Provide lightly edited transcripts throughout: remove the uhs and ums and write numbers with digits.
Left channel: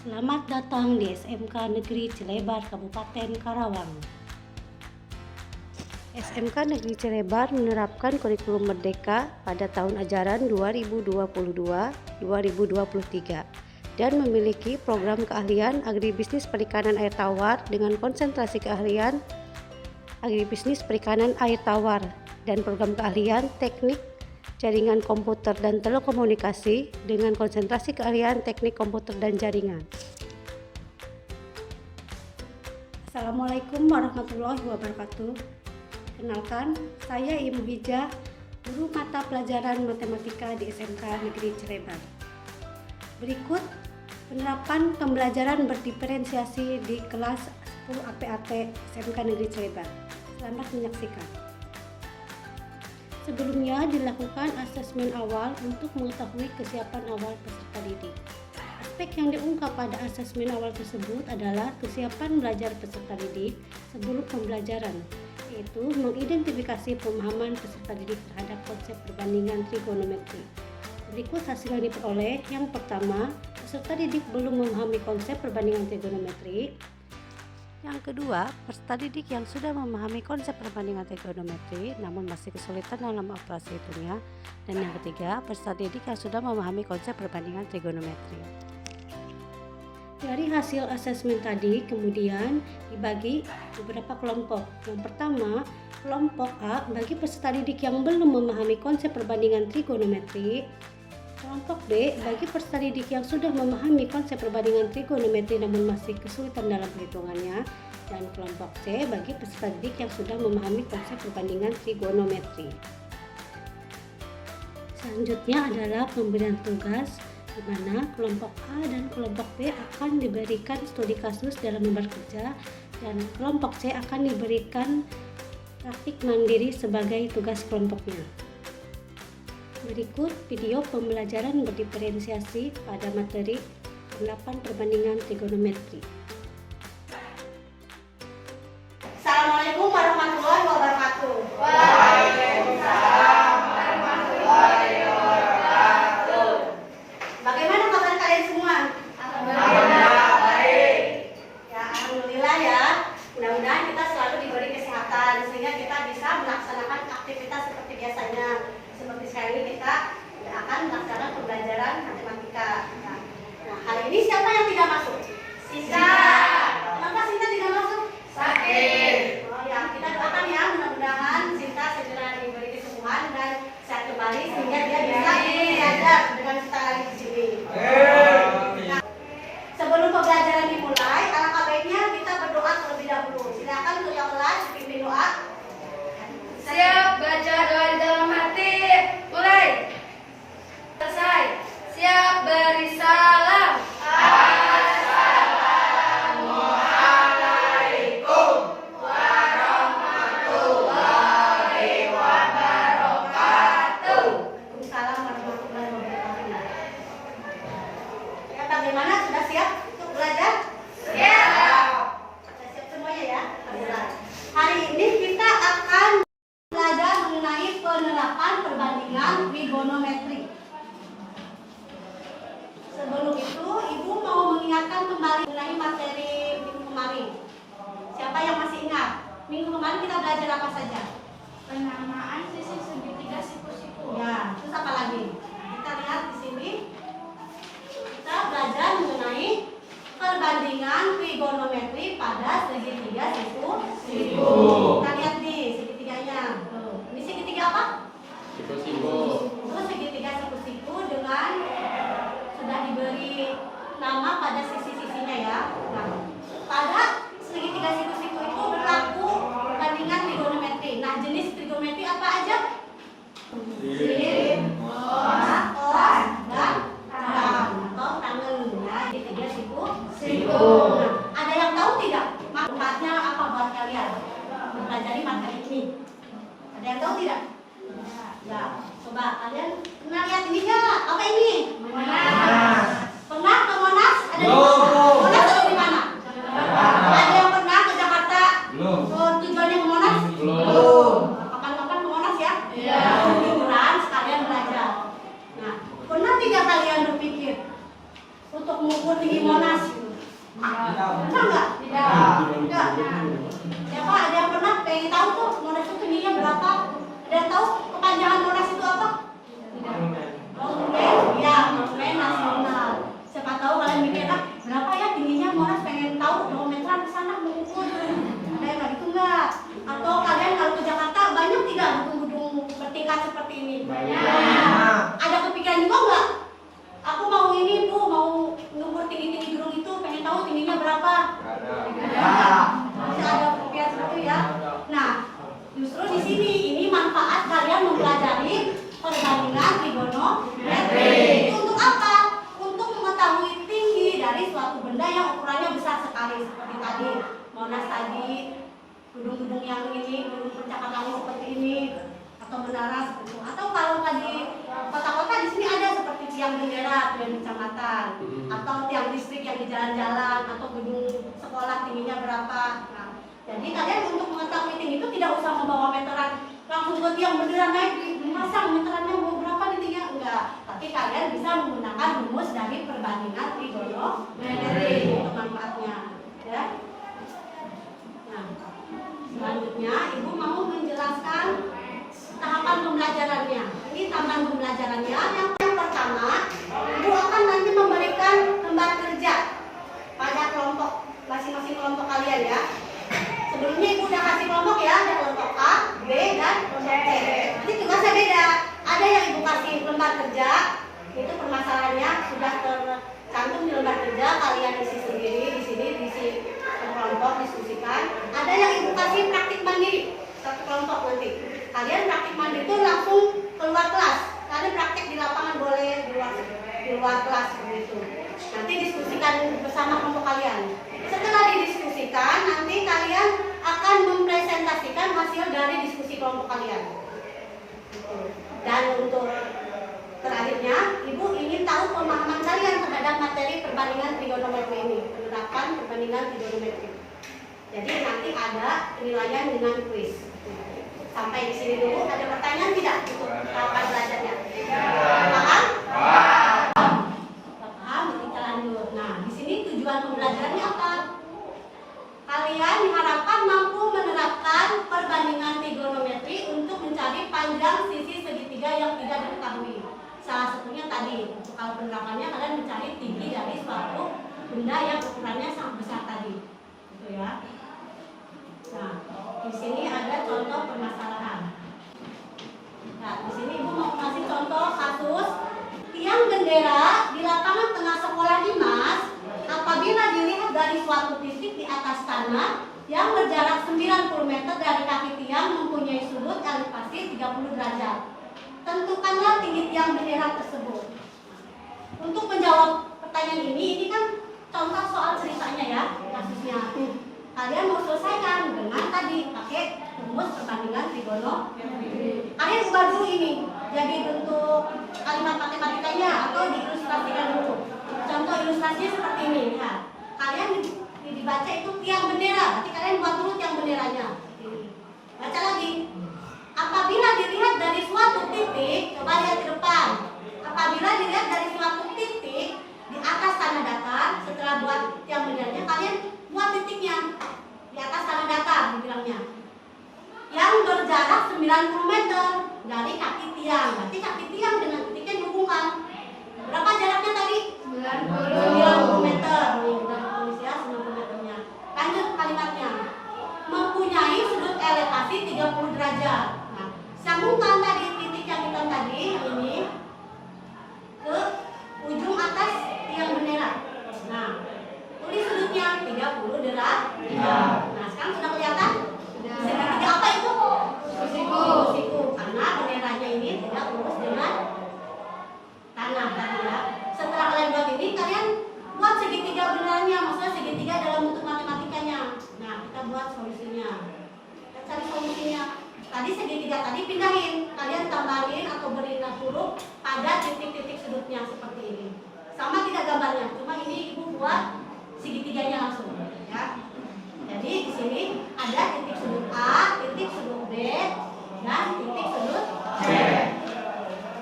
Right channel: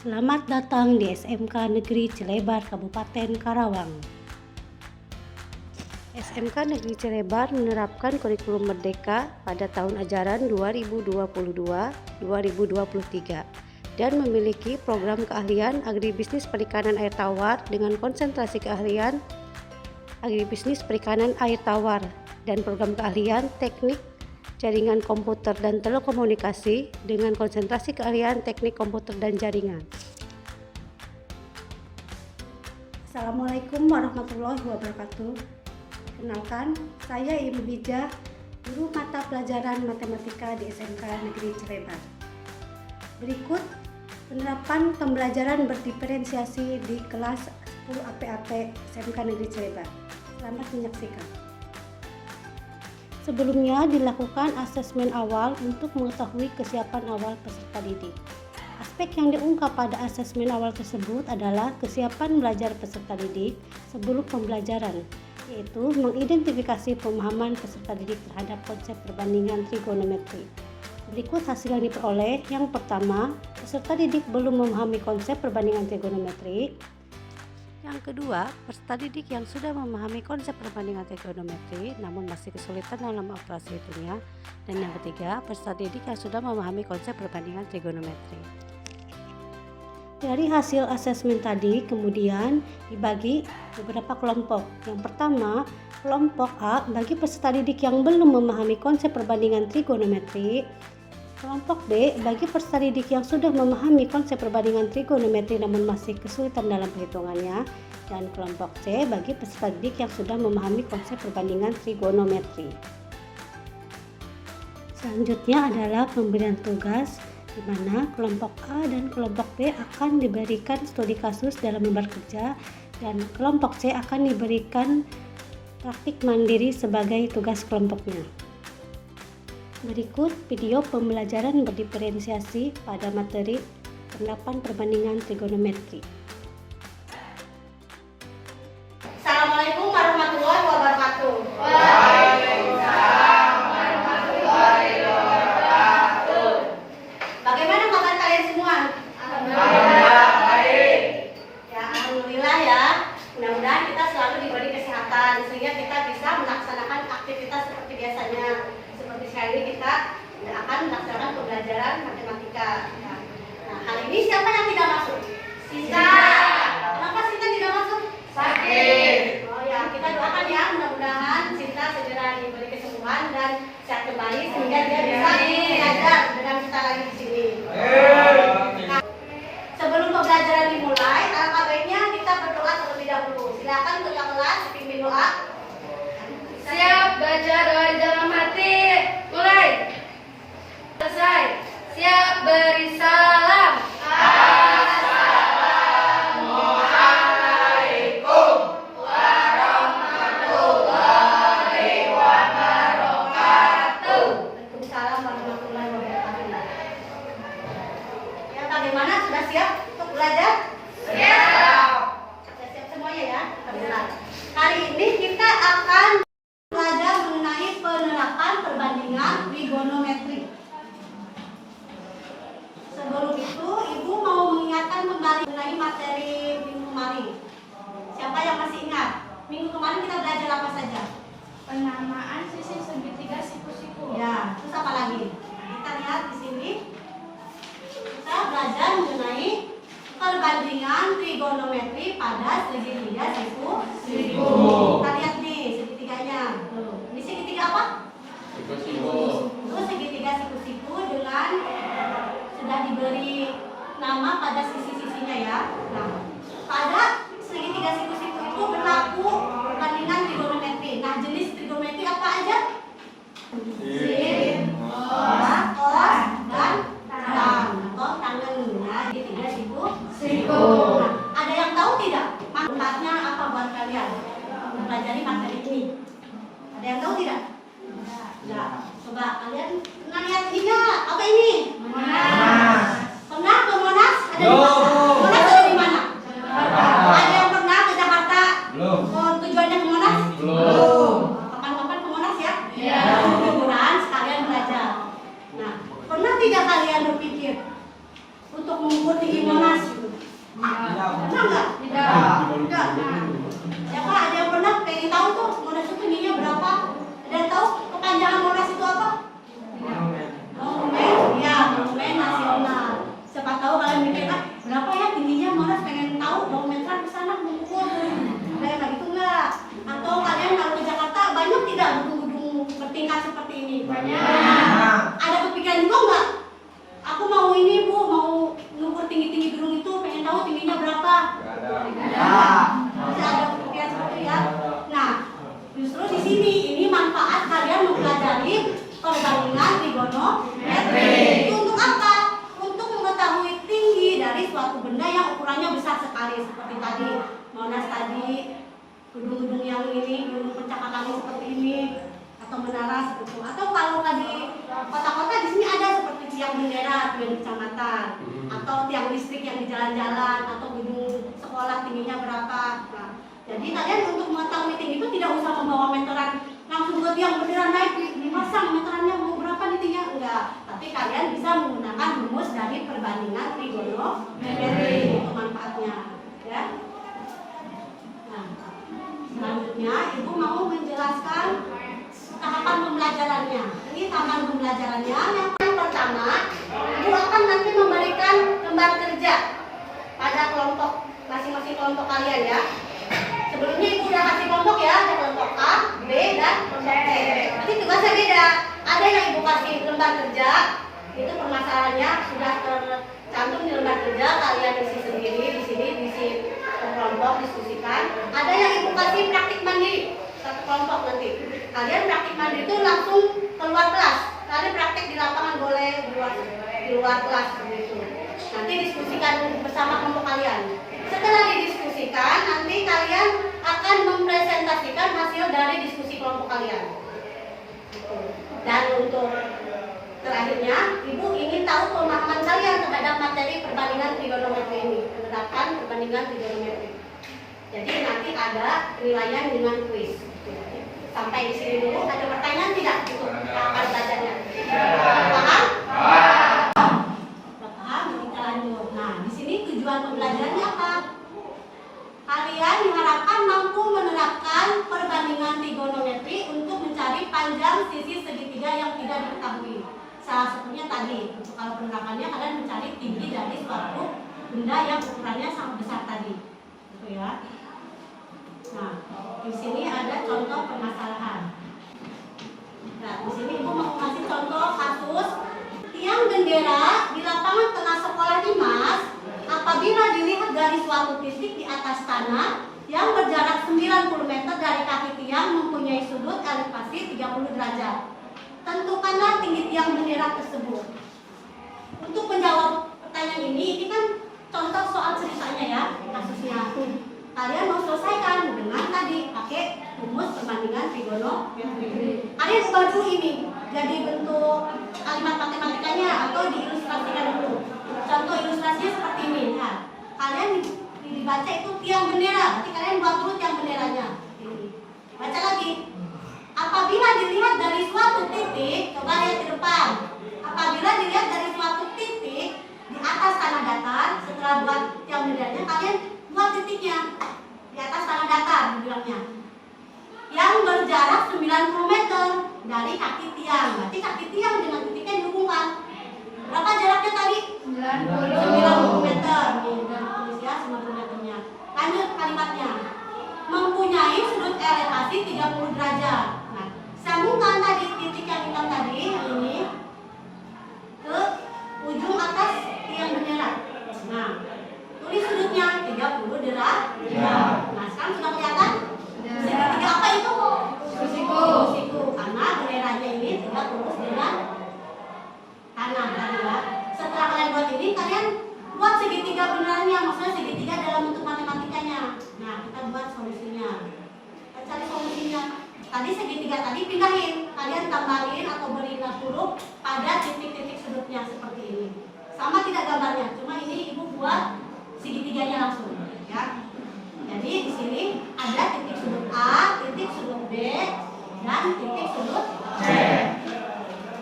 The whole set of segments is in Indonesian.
Selamat datang di SMK Negeri Cilebar, Kabupaten Karawang. SMK Negeri Cilebar menerapkan kurikulum Merdeka pada tahun ajaran 2022-2023 dan memiliki program keahlian agribisnis perikanan air tawar dengan konsentrasi keahlian agribisnis perikanan air tawar dan program keahlian teknik jaringan komputer dan telekomunikasi dengan konsentrasi keahlian teknik komputer dan jaringan. Assalamualaikum warahmatullahi wabarakatuh. Perkenalkan, saya Ibu Hija, guru mata pelajaran matematika di SMK Negeri Cilebar. Berikut penerapan pembelajaran berdiferensiasi di kelas 10 APAT SMK Negeri Cilebar. Selamat menyaksikan. Sebelumnya dilakukan asesmen awal untuk mengetahui kesiapan awal peserta didik. Aspek yang diungkap pada asesmen awal tersebut adalah kesiapan belajar peserta didik sebelum pembelajaran, yaitu mengidentifikasi pemahaman peserta didik terhadap konsep perbandingan trigonometri. Berikut hasil yang diperoleh. Yang pertama, peserta didik belum memahami konsep perbandingan trigonometri. Yang kedua, peserta didik yang sudah memahami konsep perbandingan trigonometri namun masih kesulitan dalam operasi hitungnya. Dan yang ketiga, peserta didik yang sudah memahami konsep perbandingan trigonometri. Dari hasil asesmen tadi kemudian dibagi beberapa kelompok. Yang pertama, kelompok A bagi peserta didik yang belum memahami konsep perbandingan trigonometri. Kelompok B bagi peserta didik yang sudah memahami konsep perbandingan trigonometri namun masih kesulitan dalam perhitungannya, dan kelompok C bagi peserta didik yang sudah memahami konsep perbandingan trigonometri. Selanjutnya adalah pemberian tugas, di mana kelompok A dan kelompok B akan diberikan studi kasus dalam lembar kerja dan kelompok C akan diberikan praktik mandiri sebagai tugas kelompoknya. Berikut video pembelajaran berdiferensiasi pada materi penerapan perbandingan trigonometri. Assalamualaikum warahmatullahi wabarakatuh. Waalaikumsalam warahmatullahi wabarakatuh. Bagaimana kabar kalian semua? Alhamdulillah baik. Ya, alhamdulillah ya. Mudah-mudahan kita selalu diberi kesehatan sehingga kita bisa melaksanakan aktivitas seperti biasanya. Seperti sekarang ini kita akan melaksanakan pembelajaran matematika. Ya. Nah, hari ini siapa yang tidak masuk? Sinta. Kenapa Sinta tidak masuk? Sakit. Oh ya, kita doakan ya, mudah-mudahan Sinta segera diberi kesembuhan dan sehat kembali sehingga dia bisa belajar dengan kita lagi di sini. Nah, sebelum pembelajaran dimulai, alangkah baiknya kita berdoa terlebih dahulu. Silakan untuk yang kelas pimpin doa. Siap baca doa di dalam hati. Mulai. Selesai. Siap beri salam. Assalamualaikum warahmatullahi wabarakatuh. Waalaikumsalam warahmatullahi wabarakatuh. Ya, bagaimana? Sudah siap untuk belajar? Siap. Sudah siap semuanya ya? Alhamdulillah. Hari ini kita akan belajar mengenai penerapan perbandingan trigonometri. Sebelum itu, Ibu mau mengingatkan kembali mengenai materi minggu kemarin. Siapa yang masih ingat? Minggu kemarin kita belajar apa saja? Penamaan sisi segitiga siku-siku. Ya, terus apa lagi? Kita lihat di sini. Kita belajar mengenai perbandingan trigonometri pada segitiga siku-siku. Kita lihat nih segitiganya. Ini segitiga apa? Siku-siku. Itu segitiga siku-siku dengan sudah diberi nama pada sisi-sisinya ya. Nah, pada segitiga siku-siku itu berlaku perbandingan trigonometri. Nah, jenis trigonometri apa aja? Sin, cos, dan tan atau tangan ya, segitiga siku-siku. Nah, ada yang tahu tidak manfaatnya apa buat kalian mempelajari materi ini? Ada yang tahu tidak? Ya, coba kalian pernah lihat ini nggak? Apa ini? Pernah ke Monas? Ada di mana? Monas ada di mana? Ada yang pernah ke Jakarta? Belum. Oh, tujuannya ke Monas? Belum. Kapan-kapan ke Monas ya? Iya. Liburan sekalian belajar. Nah, pernah tidak kalian berpikir untuk mengukur tinggi Monas? Pernah nggak? Tidak. Siapa ada yang pernah pengen tahu tuh Monas itu tingginya berapa? Ada yang tahu kepanjangan Monas itu apa? Monumen, ya, monumen nasional. Siapa tahu kalian mikir, berapa ya tingginya Monas, pengen tahu, mau meteran ke sana mengukur. Ada yang gitu nggak? Atau kalian kalau ke Jakarta banyak tidak gedung-gedung bertingkat seperti ini? Banyak. Ada kepikiran juga nggak? Aku mau ini Bu, mau mengukur tinggi-tinggi gedung itu, pengen tahu tingginya berapa? Masih ada kepikiran seperti itu ya? Nah, justru di sini ini manfaat kalian mempelajari perbandingan trigonometri. Itu untuk apa? Untuk mengetahui tinggi dari suatu benda yang ukurannya besar sekali seperti tadi Monas tadi, gedung-gedung yang ini, gedung percakapan seperti ini, atau menara seperti itu. Atau kalau di kota-kota di sini ada seperti tiang bendera di kecamatan, atau tiang listrik yang di jalan-jalan, atau gedung sekolah tingginya berapa. Nah, jadi kalian untuk mengetahui tinggi itu tidak usah membawa meteran langsung ke tiang bendera naik dipasang meterannya mau berapa nih tingginya, enggak. Tapi kalian bisa menggunakan rumus dari perbandingan trigonometri untuk manfaatnya, ya. Nah, selanjutnya Ibu mau menjelaskan tahapan pembelajarannya. Ini tahapan pembelajarannya. Yang pertama, Ibu akan nanti memberikan lembar kerja pada kelompok masing-masing kelompok kalian ya. Sebelumnya Ibu udah kasih kelompok ya, ada kelompok A, B, dan kelompok C. Nanti tugasnya beda. Ada yang Ibu kasih lembar kerja, itu permasalahannya sudah tercantum di lembar kerja, kalian isi sendiri di sini, isi kelompok diskusikan. Ada yang Ibu kasih praktik mandiri satu kelompok nanti. Kalian praktik mandiri itu langsung keluar kelas. Kalian praktik di lapangan boleh di luar kelas begitu. Nanti diskusikan bersama kelompok kalian. Setelah didiskusikan, nanti kalian akan mempresentasikan hasil dari diskusi kelompok kalian. Dan untuk terakhirnya, Ibu ingin tahu pemahaman kalian terhadap materi perbandingan trigonometri ini, penerapan perbandingan trigonometri. Jadi nanti ada penilaian dengan kuis. Sampai di sini dulu, ada pertanyaan tidak untuk tahapan belajarnya? Paham? Paham? Kita lanjut. Nah, di sini tujuan pembelajarannya apa? Kalian diharapkan mampu menerapkan perbandingan trigonometri untuk mencari panjang sisi segitiga yang tidak diketahui. Salah satunya tadi, untuk kalau penerapannya kalian mencari tinggi dari suatu benda yang ukurannya sangat besar tadi, gitu ya. Nah, di sini ada contoh permasalahan. Nah, di sini Ibu mau kasih contoh kasus tiang bendera di lapangan tengah sekolah Dimas apabila dilihat dari suatu titik di atas tanah yang berjarak 90 meter dari kaki tiang mempunyai sudut elevasi 30 derajat. Tentukanlah tinggi tiang bendera tersebut. Untuk menjawab pertanyaan ini kan contoh soal ceritanya ya, kasusnya. Kalian mau selesaikan dengan tadi pakai rumus perbandingan trigonometri. Kalian ubah dulu ini jadi bentuk kalimat matematikanya atau diilustrasikan dulu. Contoh ilustrasinya seperti ini. Nah, kalian dibaca itu tiang bendera. Nanti kalian buat dulu tiang benderanya. Baca lagi. Apabila dilihat dari suatu titik, coba lihat di depan. Apabila dilihat dari suatu titik di atas tanah datar, setelah buat tiang benderanya, kalian buat titiknya di atas tanah datar, dibilangnya. Yang berjarak 90 meter dari kaki tiang. Berarti kaki tiang dengan titiknya dihubungkan. Berapa jaraknya tadi? 90 meter. Nih, udah ditulis ya 90 meternya. Lanjut kalimatnya. Mempunyai sudut elevasi 30 derajat. Nah, sambungkan tadi titik yang hitam tadi ini ke ujung atas tiang bendera. Nah, tulis sudutnya 30 derajat. Nah, sekarang sudah kelihatan? Segitiga apa itu? Siku. Karena benderanya ini tidak lurus dengan tanah tadi ya. Setelah kalian buat ini, kalian buat segitiga benderanya, maksudnya segitiga dalam bentuk matematikanya. Nah, kita buat solusinya. Kita cari solusinya. Tadi segitiga tadi pindahin, kalian tambahin atau beri huruf pada titik-titik sudutnya seperti ini. Sama tidak gambarnya, cuma ini Ibu buat segitiganya langsung, ya. Jadi di sini ada titik sudut A, titik sudut B, dan titik sudut C.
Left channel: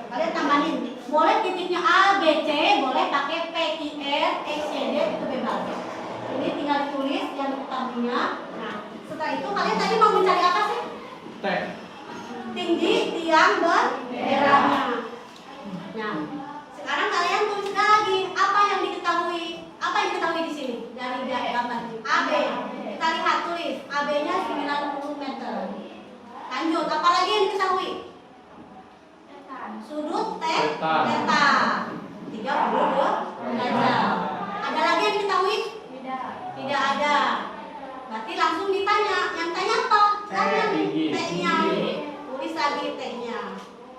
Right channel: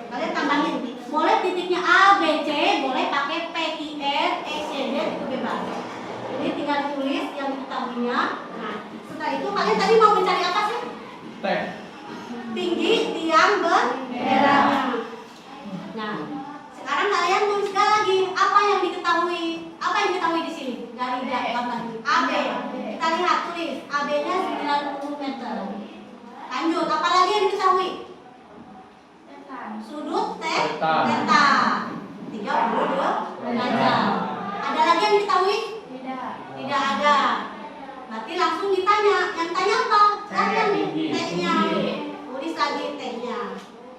Kalian tambahin, boleh titiknya A, B, C, boleh pakai P, Q, R, X, Y, Z, itu bebas. tingginya. Nah, setelah itu kalian tadi mau mencari apa sih? T. Tinggi tiang benderanya. Nah, sekarang kalian tulis lagi apa yang diketahui. Apa yang diketahui di sini dari gambar AB. Kita lihat tulis AB-nya 90 meter. Lanjut, apa lagi yang diketahui? Sudut Theta. theta 30 derajat. Ada lagi yang diketahui? Tidak ada. Berarti langsung ditanya. Yang tanya apa? Tanya nih T-nya. Tulis lagi T-nya.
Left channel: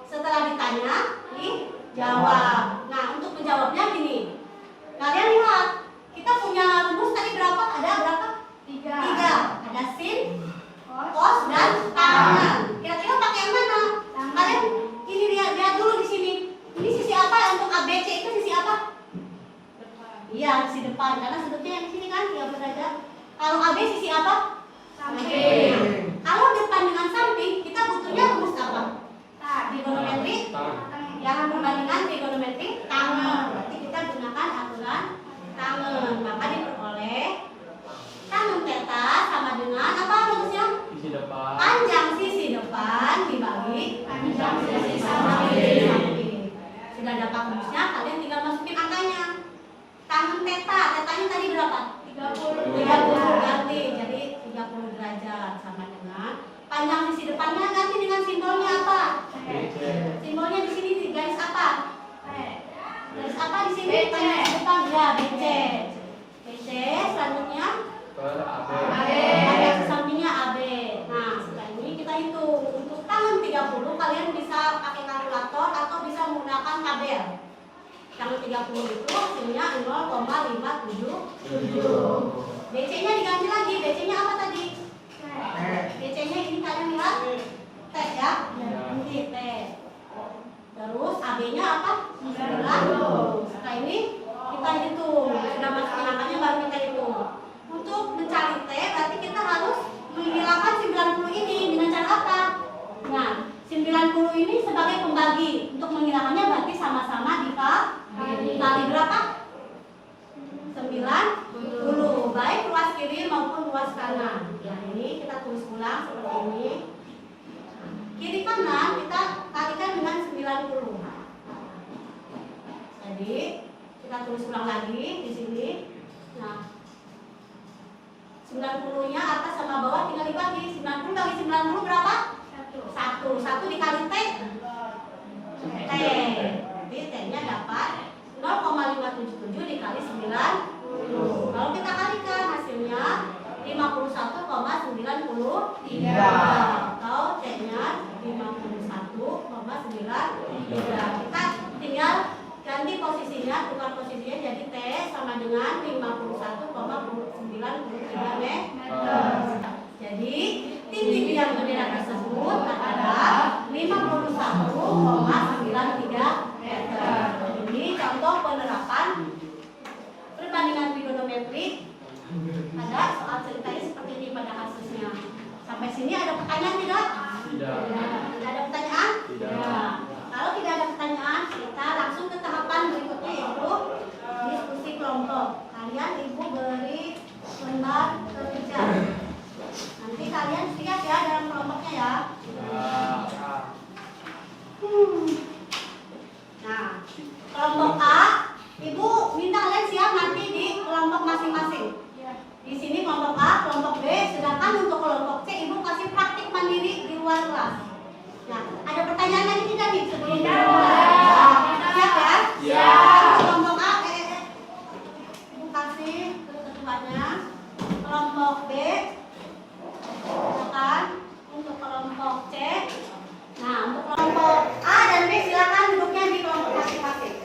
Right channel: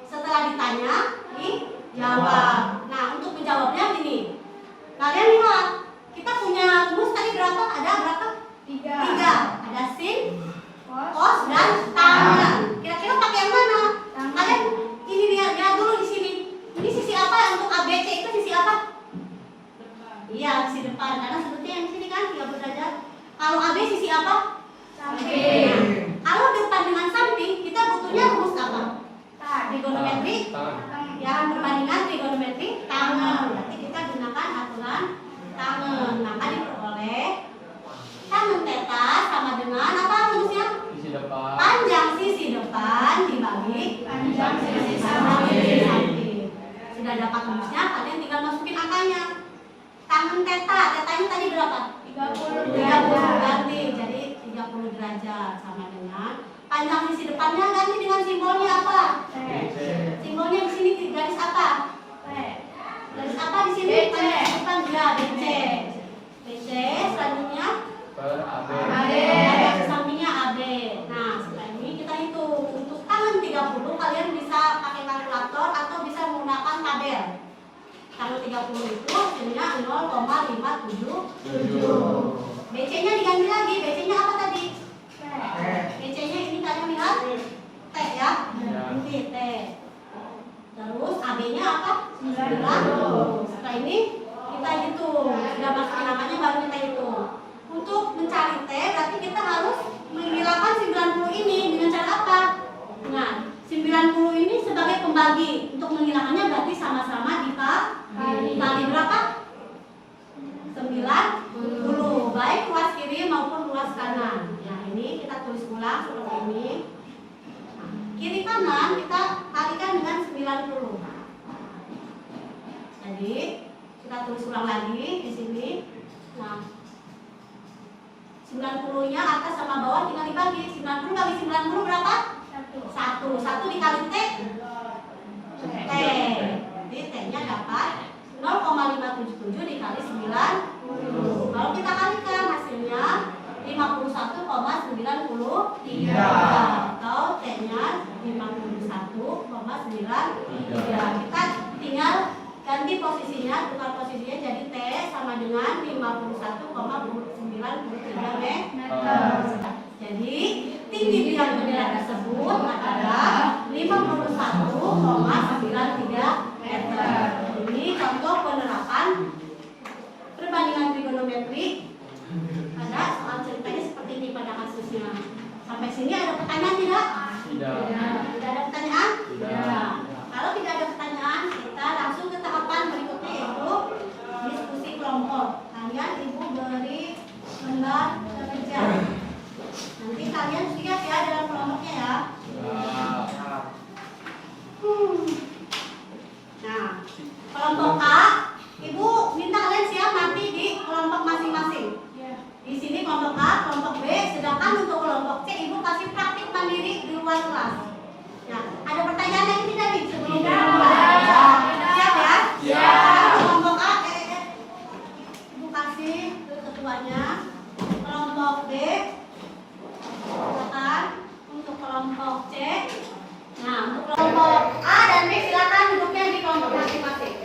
Setelah ditanya, dijawab. Nah, untuk menjawabnya gini. Kalian lihat, kita punya rumus tadi berapa? Ada berapa? 3. Ada sin, cos, dan tangen. Kira-kira pakai yang mana? Kalian ini lihat dulu di sini. Ini sisi apa untuk ABC itu sisi apa? Iya, sisi depan. Karena sudutnya yang di sini kan 30 derajat. Kalau AB sisi apa? Samping. Kalau depan dengan samping, kita butuhnya rumus apa? Trigonometri. Yang perbandingan trigonometri tangen. Berarti kita gunakan aturan tangen. Maka diperoleh tangen theta sama dengan apa rumusnya? Sisi depan. Panjang sisi depan dibagi panjang sisi samping. Sudah dapat rumusnya, kalian tinggal masukin angkanya. Tangen theta, tetanya tadi berapa? 30 ganti jadi 30 derajat sama dengan panjang sisi depannya ganti dengan simbolnya apa? Simbolnya di sini garis apa? Garis apa di sini? Panjang sisi depan ya BC. BC selanjutnya Per AB. garis sampingnya AB. Nah, setelah ini kita hitung. Untuk tangan 30 kalian bisa pakai kalkulator atau bisa menggunakan tabel. Tangan 30 itu hasilnya 0,577. BC-nya diganti lagi. BC-nya apa tadi? BC-nya ini kalian lihat T ya. Ini T. Terus AB-nya apa? 90. Setelah ini kita hitung. Sudah masukin angkanya baru kita hitung. Untuk mencari T berarti kita harus menghilangkan 90 ini dengan cara apa? Nah, 90 ini sebagai pembagi. Untuk menghilangkannya berarti sama-sama dikali berapa? 90, baik ruas kiri maupun ruas kanan. Ya, ini kita tulis ulang seperti ini. Nah, kiri kanan kita kalikan dengan 90. Jadi kita tulis ulang lagi di sini. Nah, 90-nya atas sama bawah tinggal dibagi. 90 kali 90 berapa? 1 dikali T. Jadi T-nya dapat 0,577 dikali 90. Kalau kita kalikan hasilnya 51,93 atau T-nya 51,93. Kita tinggal ganti posisinya, tukar posisinya jadi T sama dengan 51,93 meter. Jadi tinggi tiang bendera tersebut adalah 51,93 meter. Ini contoh penerapan perbandingan trigonometri pada soal ceritanya seperti ini pada kasusnya. Sampai sini ada pertanyaan tidak? Tidak. Tidak ada pertanyaan? Tidak. Kalau tidak ada pertanyaan, kita langsung ke tahapan berikutnya yaitu diskusi kelompok. Kalian ibu beri lembar kerja. Nanti kalian lihat ya dalam kelompoknya ya. Nah, kelompok A, ibu minta kalian siap nanti di kelompok masing-masing. Di sini kelompok A, kelompok B, sedangkan untuk kelompok C ibu kasih praktik mandiri di luar kelas. Nah, ada pertanyaan lagi tidak nih sebelum kita mulai? Siap ya? Siap. Kelompok A, ibu kasih ke ketuanya. Kelompok B, silakan. Untuk kelompok C. Nah, untuk kelompok A dan B silakan duduknya di kelompok masing-masing.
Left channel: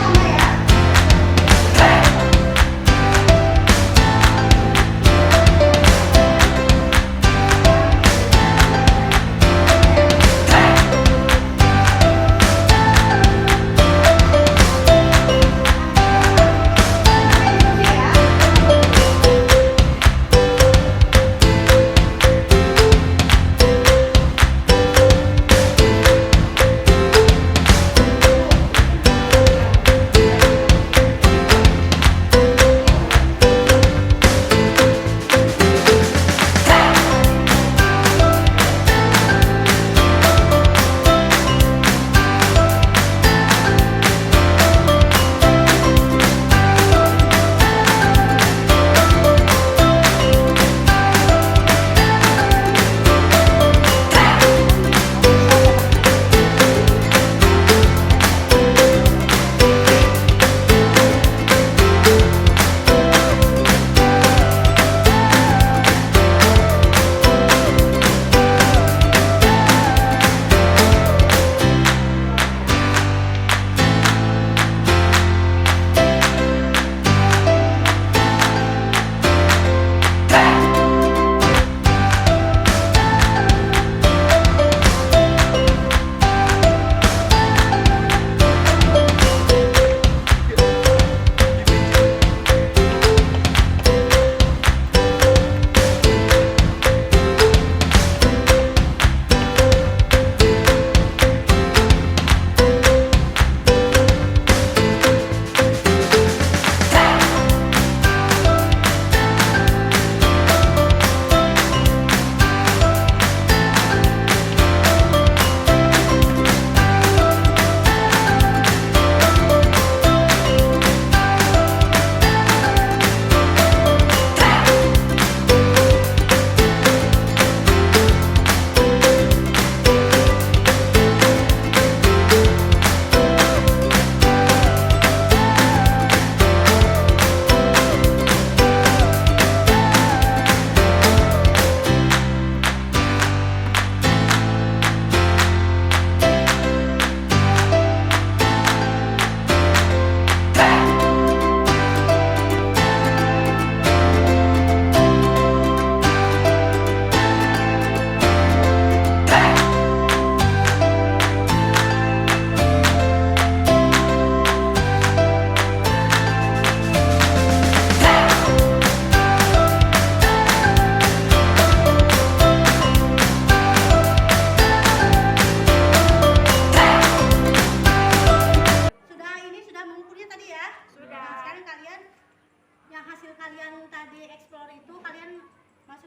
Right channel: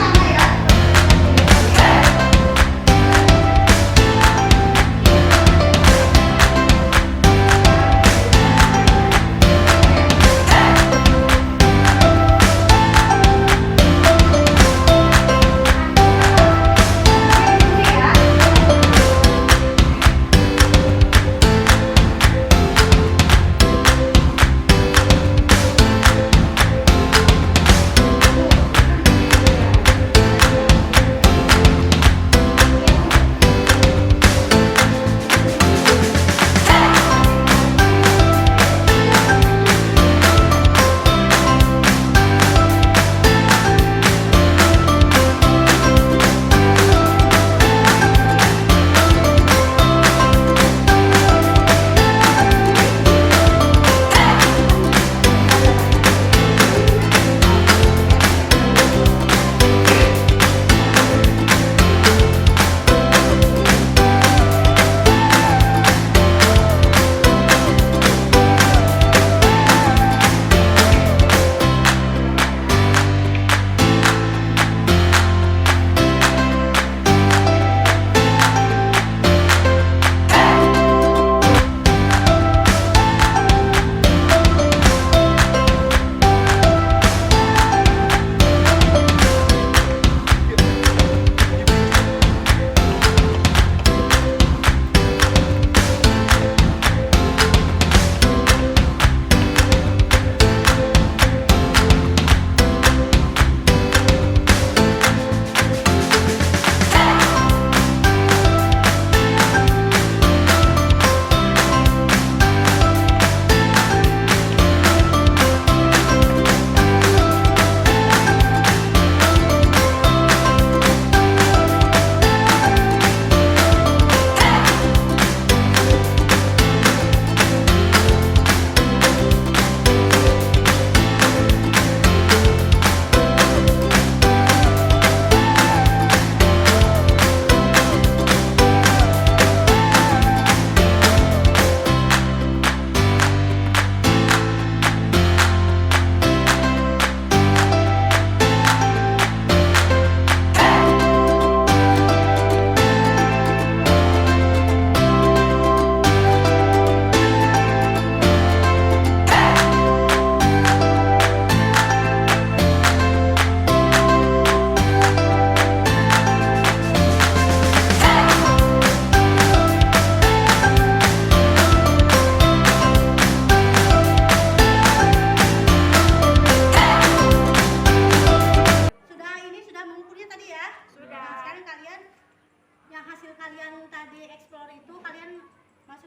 Sama ya.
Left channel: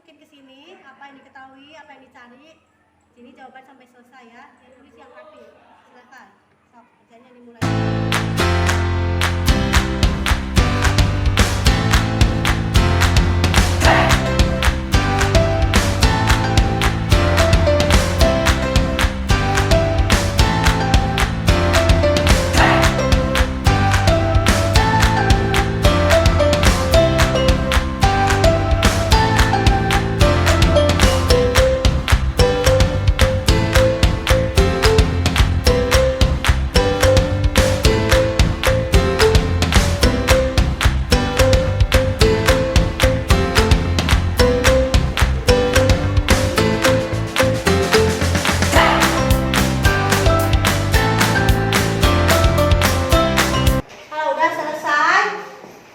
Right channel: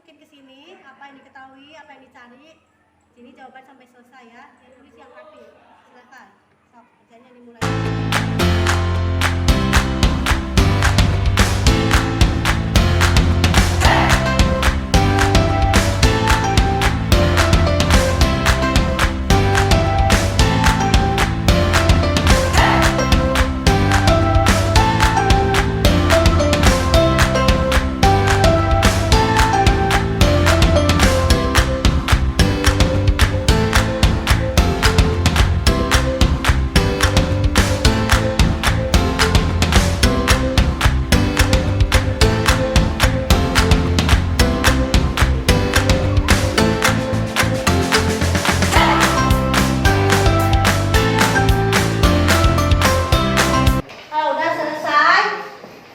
masukin ke sini apa yang diketahui, apa yang dicari. Sini jawaban sampai selesai ya. Yang tulis yang rapi. Silakan. Sok, kerjanya dimulai. Kalau udah selesai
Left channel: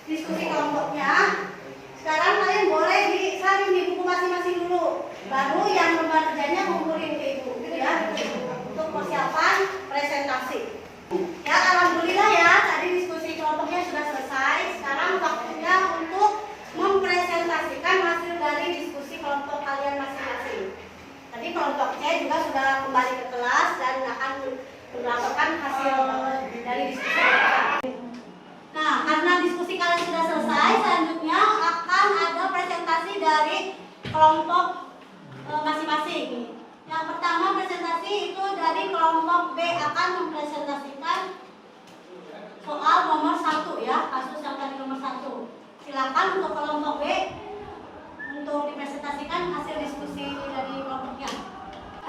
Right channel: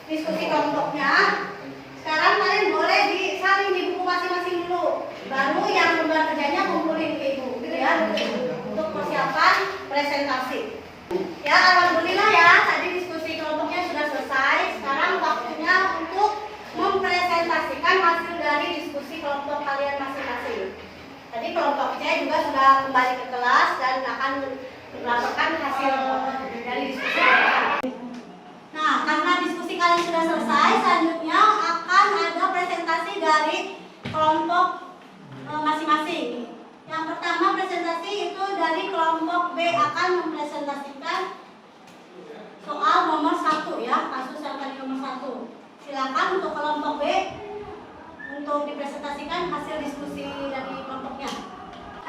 diskusi kelompoknya, sekarang kalian boleh disaring di buku masing-masing dulu. Baru yang lembar kerjanya kumpulin ke ibu, gitu ya, untuk persiapan presentasi. Ya, alhamdulillah ya, tadi diskusi kelompoknya sudah selesai. Sekarang waktunya untuk mempresentasikan hasil dari diskusi kelompok kalian masing-masing. Tadi kelompok C juga sudah kembali ke kelas dan akan melaporkan hasil dari diskusi mereka. Nah, karena diskusi kalian sudah selesai, selanjutnya akan ada presentasi dari kelompok masing-masing. Yang pertama presentasi itu dari kelompok B akan mempresentasikan soal nomor 1 ya, kasus yang tadi nomor 1. Silakan untuk kelompok B untuk dipresentasikan hasil diskusi dari kelompoknya.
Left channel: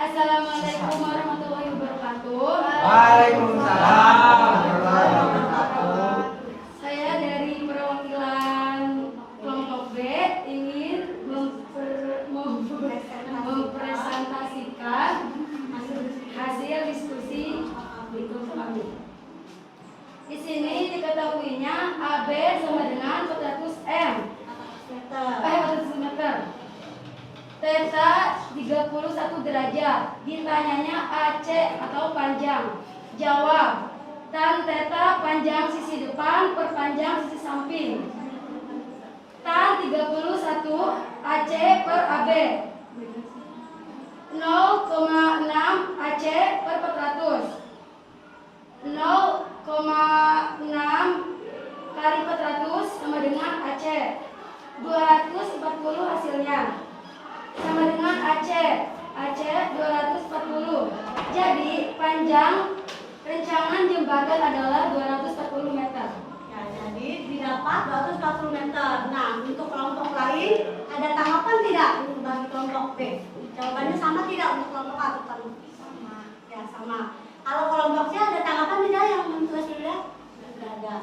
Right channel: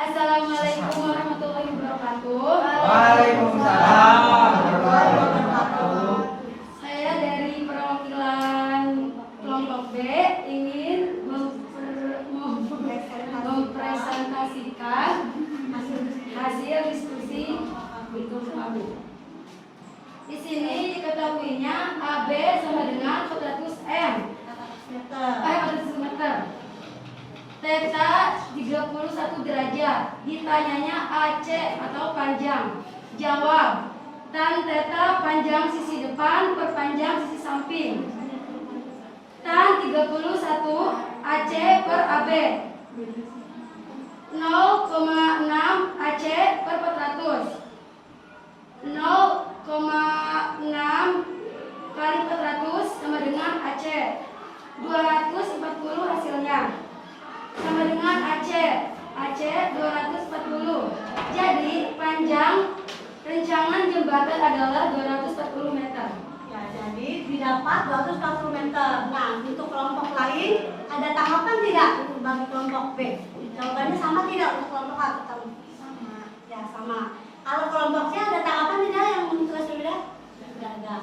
Assalamualaikum warahmatullahi wabarakatuh. Waalaikumsalam warahmatullahi wabarakatuh. Saya dari perwakilan kelompok B ingin mempresentasikan hasil diskusi di kelompok AB. Di sini diketahuinya AB sama dengan 400 meter. Theta 31 derajat. Ditanyanya AC atau panjang. Jawab. Tan theta panjang sisi depan per panjang sisi samping. Tan 31 AC per AB. 0,6 AC per 400. 0,6 kali 400 sama dengan AC. 240 hasilnya. Sama dengan AC 240. Jadi panjang rencangan jembatan adalah 240 meter. Ya, jadi didapat 240 meter. Nah, untuk kelompok lain ada tanggapan tidak untuk bagi kelompok B? Jawabannya sama tidak untuk kelompok A? Sama. Ya, sama. Kalau kelompok C ada tanggapan tidak yang menulis sudah? Sudah ada.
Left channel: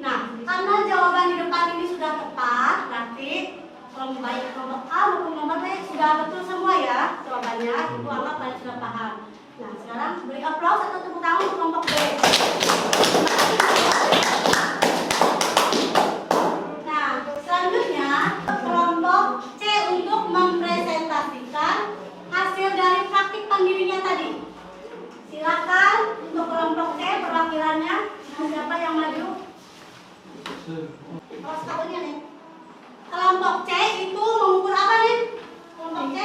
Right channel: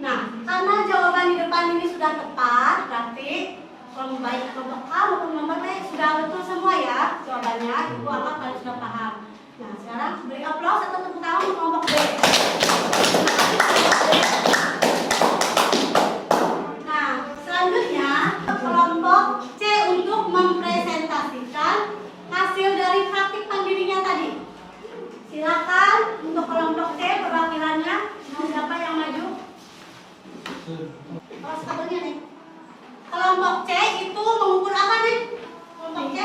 Nah, karena jawaban di depan ini sudah tepat, berarti baik kelompok A maupun kelompok B sudah betul semua ya jawabannya. Ibu anggap kalian sudah paham. Nah, sekarang beri aplaus atau tepuk tangan untuk kelompok B. Nah, selanjutnya kelompok C untuk mempresentasikan hasil dari praktik pandirinya tadi. Silakan untuk kelompok C perwakilannya. Siapa yang maju? Oh, sepatunya nih. Kelompok C itu mengukur apa nih? Kelompok C?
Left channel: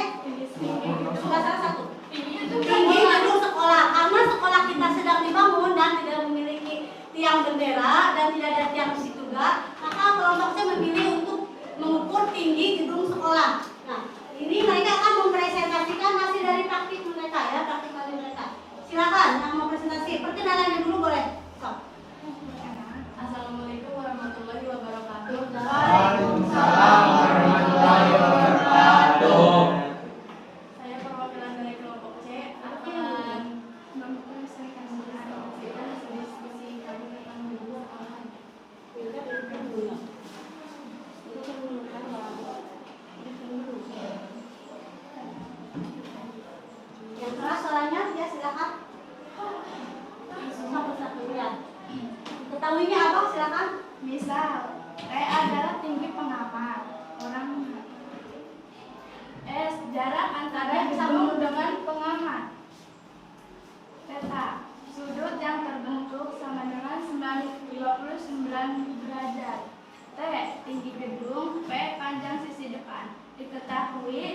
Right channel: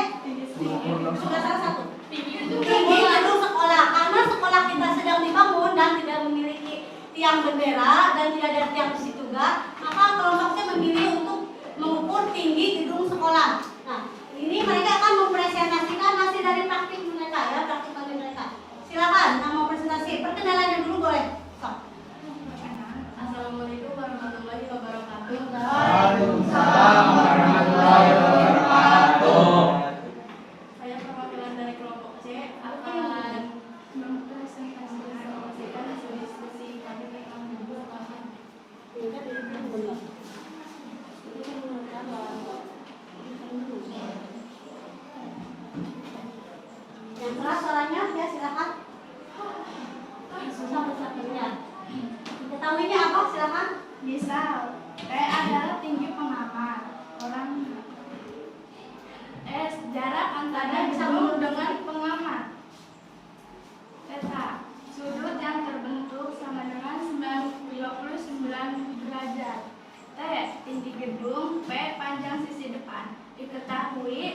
Sudah salah satu. Tinggi gedung sekolah. Karena sekolah kita sedang dibangun dan tidak memiliki tiang bendera dan tidak ada tiang di situ juga, maka kelompok C memilih untuk mengukur tinggi gedung sekolah. Nah, ini mereka akan mempresentasikan hasil dari praktik mereka ya, praktik pandiri mereka. Silakan yang mau presentasi, perkenalannya dulu boleh. Assalamualaikum warahmatullahi wabarakatuh. Waalaikumsalam warahmatullahi wabarakatuh. Saya perwakilan dari kelompok C akan mempresentasikan hasil diskusi kami tentang buku sekolah. Yang keras suaranya, ya silakan. Satu-satunya. Diketahuinya apa? Silakan. Misal, E adalah tinggi pengamat. Orang S jarak antara gedung dengan pengamat. Theta sudut yang terbentuk sama dengan 29 derajat. T tinggi gedung. P panjang sisi depan. Diketahui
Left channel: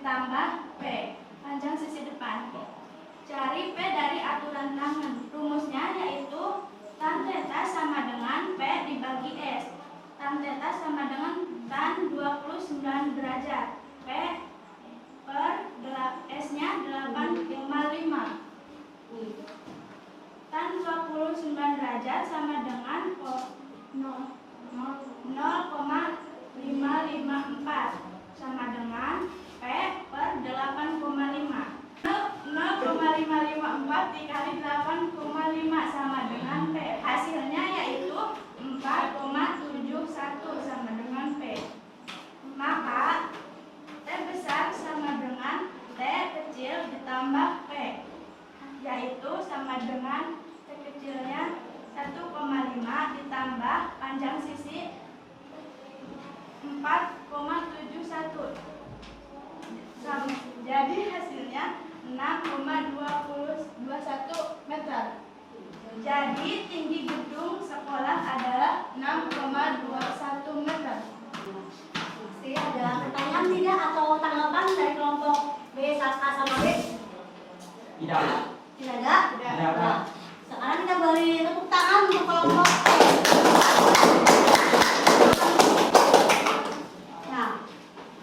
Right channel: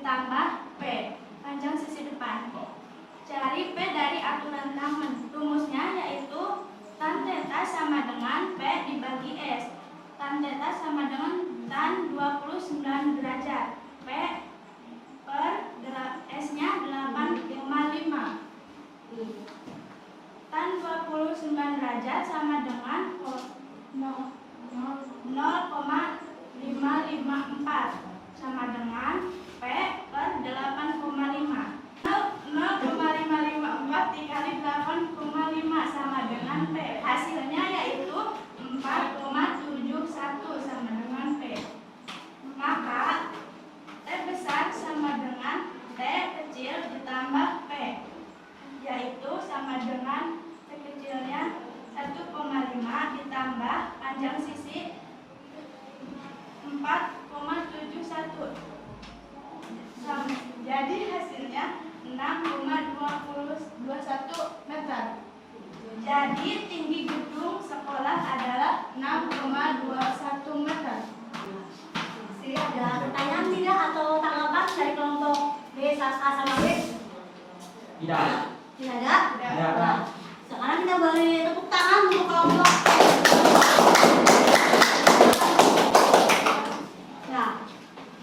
ditambah P, panjang sisi depan. Cari P dari aturan tangen. Rumusnya yaitu tan theta sama dengan P dibagi S. Tan theta sama dengan tan 29 derajat. P per S-nya 855. Tan 29 derajat sama dengan 0,554 sama dengan P per 8,5. 0,554 dikali 8,5 sama dengan P. Hasilnya yaitu 4,71 sama dengan P. Maka T besar sama dengan T kecil ditambah P, yaitu sama dengan T kecilnya 1,5 ditambah panjang sisi 4,71. Jadi hasilnya 6,21 meter. Jadi tinggi gedung sekolah adalah 6,21 meter. Masih ada pertanyaan tidak atau tanggapan dari kelompok B, A sama B? Tidak. Tidak ada? Tidak ada. Sekarang kita beri tepuk tangan untuk kelompok C.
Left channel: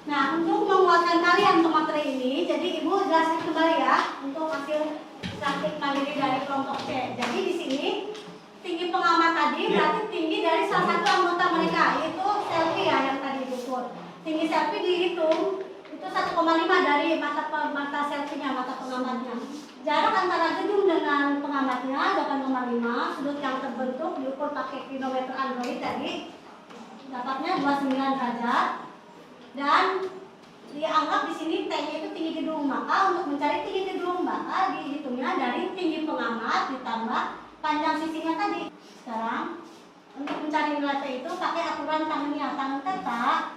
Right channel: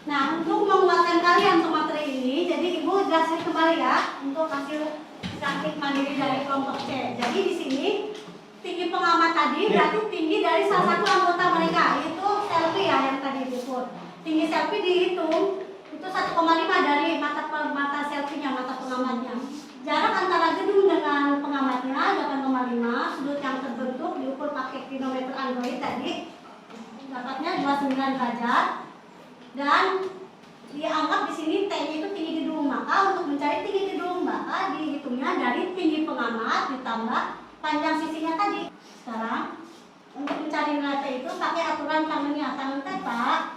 Nah, untuk menguatkan kalian untuk materi ini, jadi Ibu jelaskan kembali ya untuk hasil praktik mandiri dari kelompok C. Jadi di sini tinggi pengamat tadi berarti tinggi dari salah satu anggota mereka, yaitu selfie ya yang tadi diukur. Tinggi selfie dihitung itu 1,5 dari mata selfie-nya, mata pengamatnya. Jarak antara gedung dengan pengamatnya 8,5. Sudut yang terbentuk diukur pakai pilometer Android tadi, dapatnya 29 derajat. Dan dianggap di sini T-nya itu tinggi gedung. Maka untuk mencari tinggi gedung, maka dihitungnya dari tinggi pengamat ditambah panjang sisinya tadi. Sekarang untuk mencari nilai T itu pakai aturan tangannya, tangan theta.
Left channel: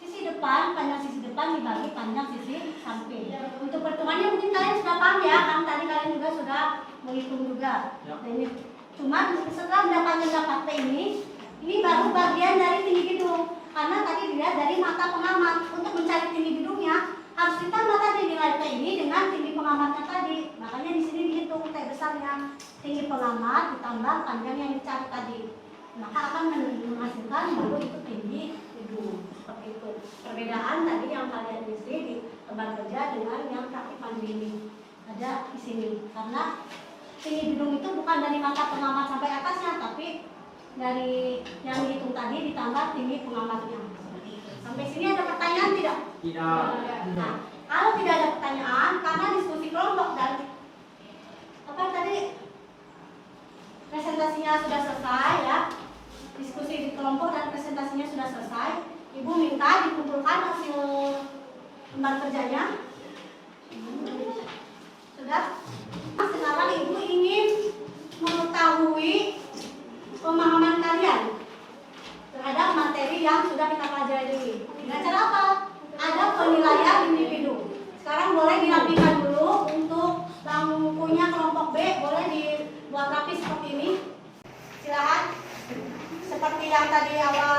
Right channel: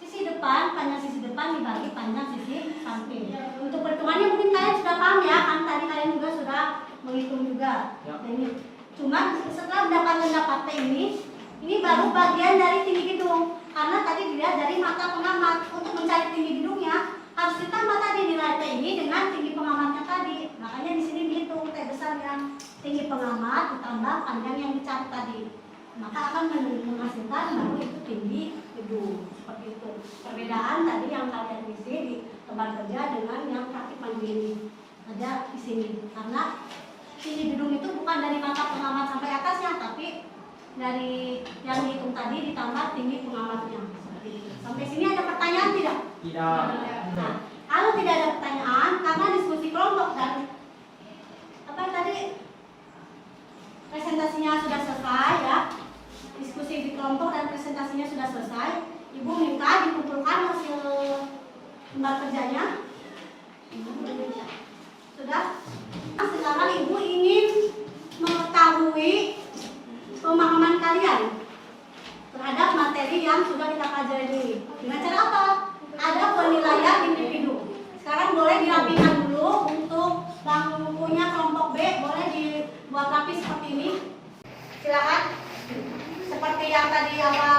Sisi depan, panjang sisi depan dibagi panjang sisi samping. Untuk perhitungannya mungkin kalian sudah paham ya, kan tadi kalian juga sudah menghitung juga. Ya. Cuma setelah dapat T ini baru bagian dari tinggi gedung. Karena tadi dilihat dari mata pengamat. Untuk mencari tinggi gedungnya harus kita mata nilai T ini dengan tinggi pengamatnya tadi. Makanya di sini dihitung T besarnya, tinggi pengamat ditambah panjang yang dicari tadi. Maka akan menghasilkan baru itu tinggi gedung. Seperti itu. Perbedaan tadi yang kalian isi di tempat kerja dengan yang praktik mandiri ini. Ada di sini. Karena tinggi gedung itu bukan dari mata pengamat sampai atasnya, tapi dari yang dihitung tadi ditambah tinggi pengamatnya. Seperti itu. Sampai sini ada pertanyaan tidak? Tidak. Nah, kalau tidak ada pertanyaan, karena diskusi kelompok dan apa tadi presentasinya sudah selesai ya, diskusi di kelompok dan presentasinya sudah selesai, Ibu minta dikumpulkan hasil lembar kerjanya. Sudah? Nah, sekarang Ibu ingin mengetahui pemahaman kalian terhadap materi yang sudah kita pelajari ini. Dengan cara apa? Ada penilaian individu. Sekarang boleh dirapikan dulu untuk bangkunya kelompok B, boleh dibuat rapi seperti ini. Silakan. Seperti yang tadi awal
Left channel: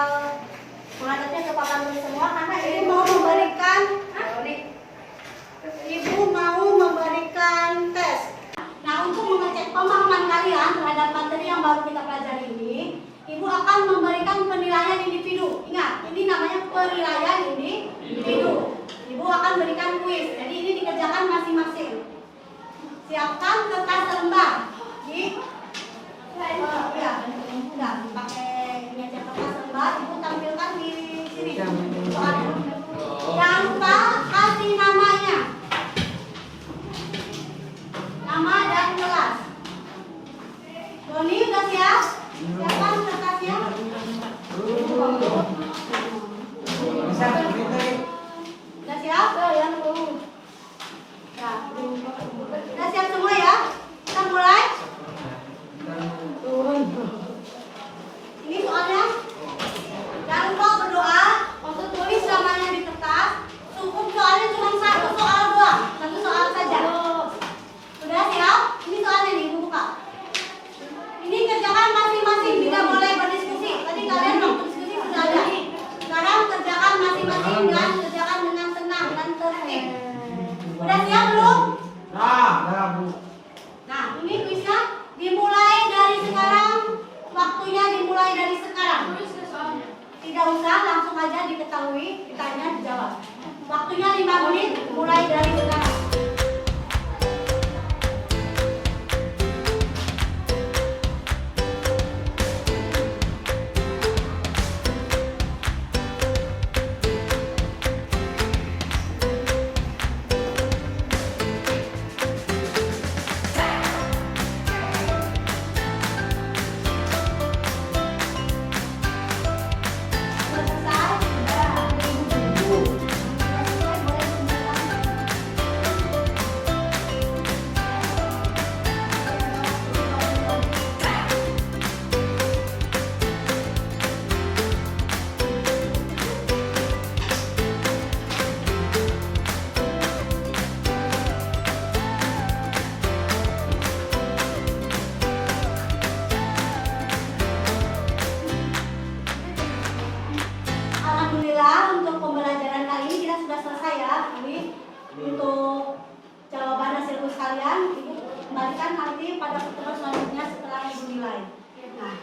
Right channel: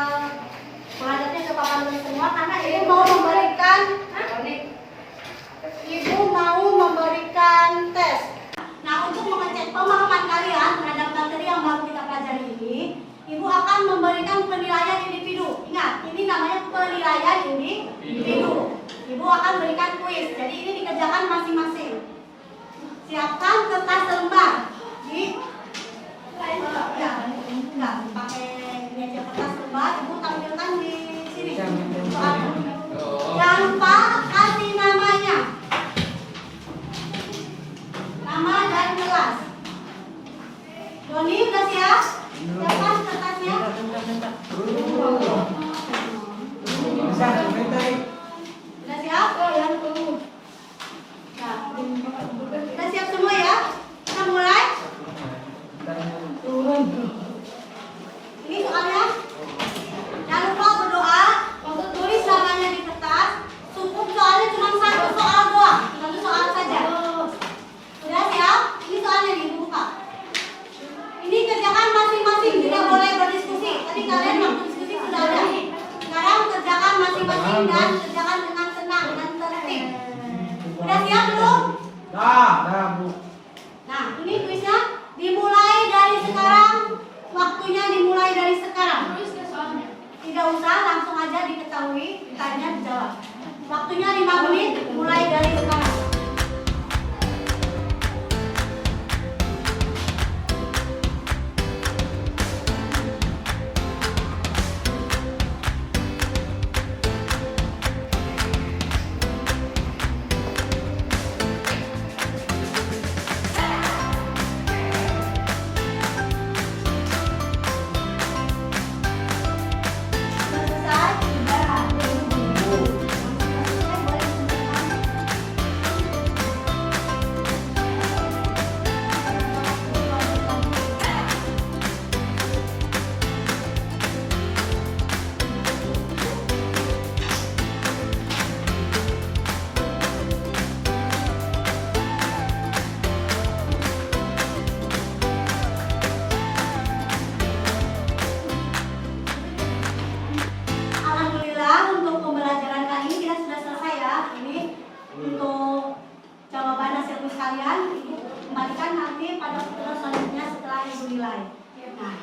menghadapnya ke papan tulis semua, karena Ibu mau memberikan tes. Nah, untuk mengecek pemahaman kalian terhadap materi yang baru kita pelajari ini, Ibu akan memberikan penilaian individu. Ingat, ini namanya penilaian individu. Ibu akan berikan kuis. Jadi ini dikerjakan masing-masing. Siapkan kertas lembar. Enggak, pakai meja kertas lembar. Ibu tampilkan di sini. Soalnya. Jangan lupa kasih namanya. Nama dan kelas. Doni udah siap? Siapkan kertasnya. Bisa, sebentar. Udah siap? Ya. Udah siap semua ya? Kita mulai. Ini soalnya. Jangan lupa berdoa untuk tulis namanya di kertas. Cukup soalnya cuma satu soal doang, satu soal saja. Sudah siap? Ini soalnya nih, buku Pak. Ini kerjakan masing-masing, tidak boleh berdiskusi. Tadi kalian waktu diskusi sudah ada. Sekarang kerjakan masing-masing dan kerjakan dengan tenang. tenang dan tertib. Udah siap belum? Dah, Bu. Nah, ini kuisnya dimulai dari sekarang. Waktunya dimulai dari sekarang. Terus ke soalnya. Tidak usah, langsung aja diketahui, ditanya, dijawab. Waktunya 5 menit, mulai dari sekarang. Selesai? Alhamdulillah untuk pembelajaran kali ini kita sudah selesai ya. Ini untuk jawaban hasil kuis kalian. Ibu kembalikan nanti pada pertemuan selanjutnya setelah ibu nilai. Nah,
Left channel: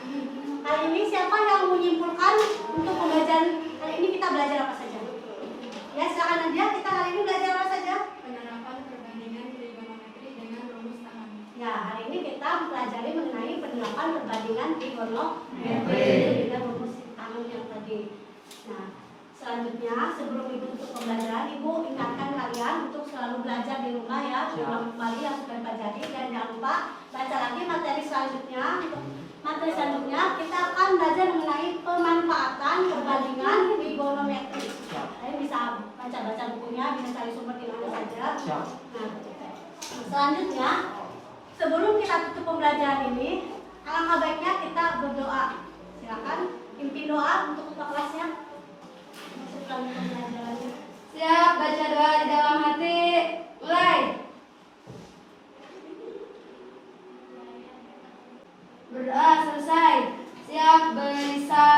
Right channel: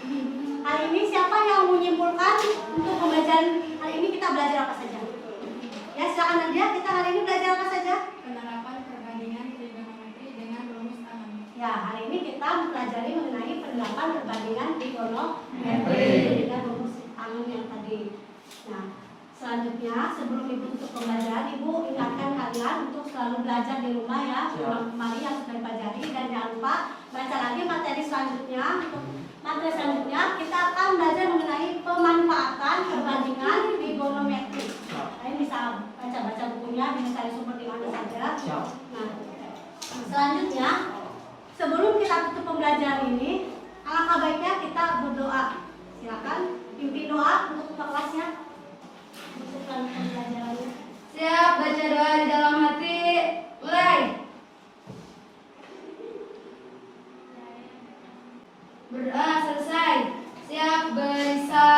kali ini siapa yang menyimpulkan untuk pembelajaran kali ini kita belajar apa saja? Ya silakan Nadia, kita hari ini belajar apa saja? Penerapan perbandingan trigonometri dengan rumus tangan. Ya, hari ini kita mempelajari mengenai penerapan perbandingan trigonometri dengan rumus tangan yang tadi. Nah, selanjutnya sebelum ibu tutup pembelajaran, ibu ingatkan kalian untuk selalu belajar di rumah ya, ulang kembali yang sudah dipelajari dan jangan lupa baca lagi materi selanjutnya. Untuk materi selanjutnya kita akan belajar mengenai pemanfaatan perbandingan trigonometri. Kalian bisa baca-baca bukunya, bisa cari sumber di mana saja. Nah, selanjutnya sebelum kita tutup pembelajaran ini, alangkah baiknya kita berdoa. Silakan pimpin doa untuk ketua kelasnya. Untuk pembelajarannya. Siap, baca doa di dalam hati. Mulai. Berdoa selesai. Siap, beri salam.